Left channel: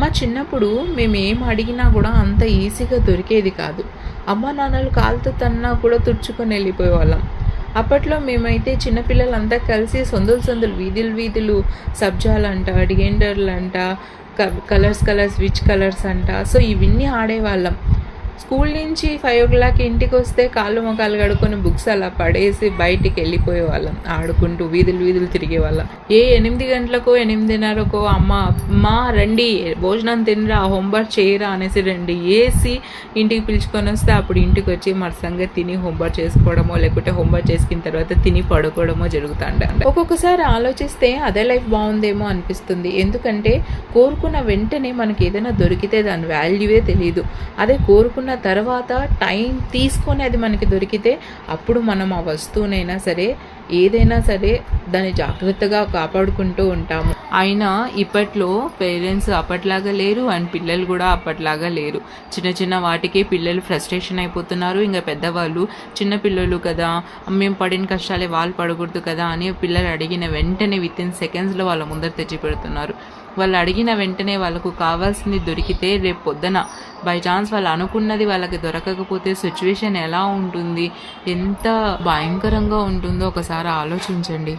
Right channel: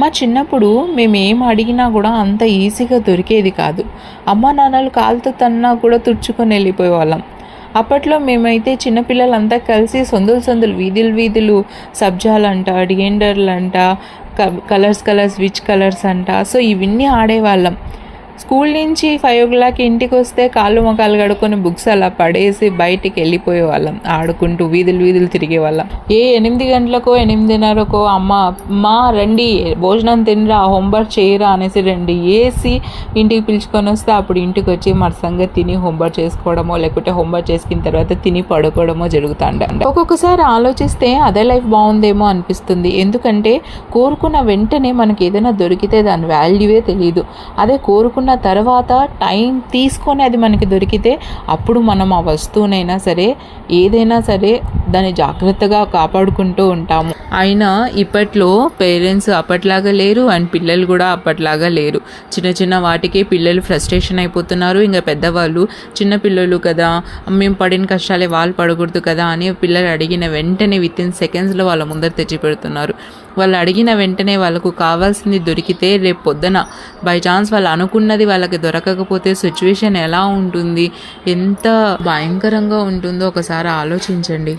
మా చిన్నప్పుడు మేమేం అడిగినా కూడా అంత ఈజీగా దొరికేది కాదు. అమ్మా నాన్నలు కాలుతో తన్నా కూడా తుడుచుకొని వెళ్ళిపోయేవాళ్ళం. అప్పట్లో మేమైతే చిన్నపిల్లలంతా కలిసి సందులు సందులు వీధులు వీధులు సబ్జాలంట, డిఎండర్లంట, కలర్స్ కలర్స్ విచ్ కలర్స్ అంట. సో ఇవన్నీ ఆడేవాళ్ళం. స్కూల్ నుంచి 5 ఇంటికి వస్తే కాళ్ళు మొఖాలు కడుక్కొని బుక్స్ అలా పడేసి బయటికి వెళ్ళిపోయేవాళ్ళం. ఆడుకుంటూ వీధులు వీధులు తిరిగేవాళ్ళం. 8 గంటలకో 8:30కో అమ్మ రండి భోజనం తినరా, హోంవర్క్ చేయరా అనేసి 2 వేసి ఇంటికి పిలుచుకొని వస్తే అప్పుడు ఇంటికి వచ్చి మరసంగా తిని హోంవర్క్ చేసుకోవడమో లేకుంటే హోంవర్క్ చేసుకున్న తర్వాత తిని పడుకోవడమో జరుగుతుండే. ఒక్కొక్కసారి ఆలోచిస్తే అదే లైఫ్ బాగుందేమో అనిపిస్తుంది. ఎందుకంటే కోరుకున్న వెంటనే మనకి ఏదైనా దొరికితే దాని వాల్యూవే తెలియదు. అదే కోరుకున్న తర్వాత టైం తీసుకొని అది మనకి దొరికితే అప్పుడు మనం ఆ వస్తువునైనా సరే ఏదైనా సరే దాన్ని జాగ్రత్తగా కాపాడుకుంటూ ఉంటాము. అయినా ఇప్పట్లో పేరెంట్స్ అప్పట్లాగా లేరు అండ్ పిల్లలు కూడా అప్పట్లాగా లేరు. చిన్న చిన్న వాటికే పిల్లలు ఫ్రస్ట్రేషన్ అయిపోతున్నారు. ఇంకా పెద్దవాళ్ళు చిన్న పిల్లలు కదా, మేము పడిన కష్టాలే వాళ్ళు పడకూడదు కదా అని పిల్లలు అడిగిన వెంటనే వితిన్ సెకండ్స్లో వాళ్ళ ముందర తెచ్చి పెడుతున్నారు. వాళ్ళు అడిగిన వెంటనే వాళ్ళకు కావాల్సింది దొరికితే రేపు పొద్దున బై ఛాన్స్ వాళ్ళు అనుకున్నది వాళ్ళకి దొరకకపోతే సిచ్యువేషన్ ఎలా ఉంటుంది, ఎంత భయంకరంగా ఉంటుందో ఒకసారి ఆలోచించండి.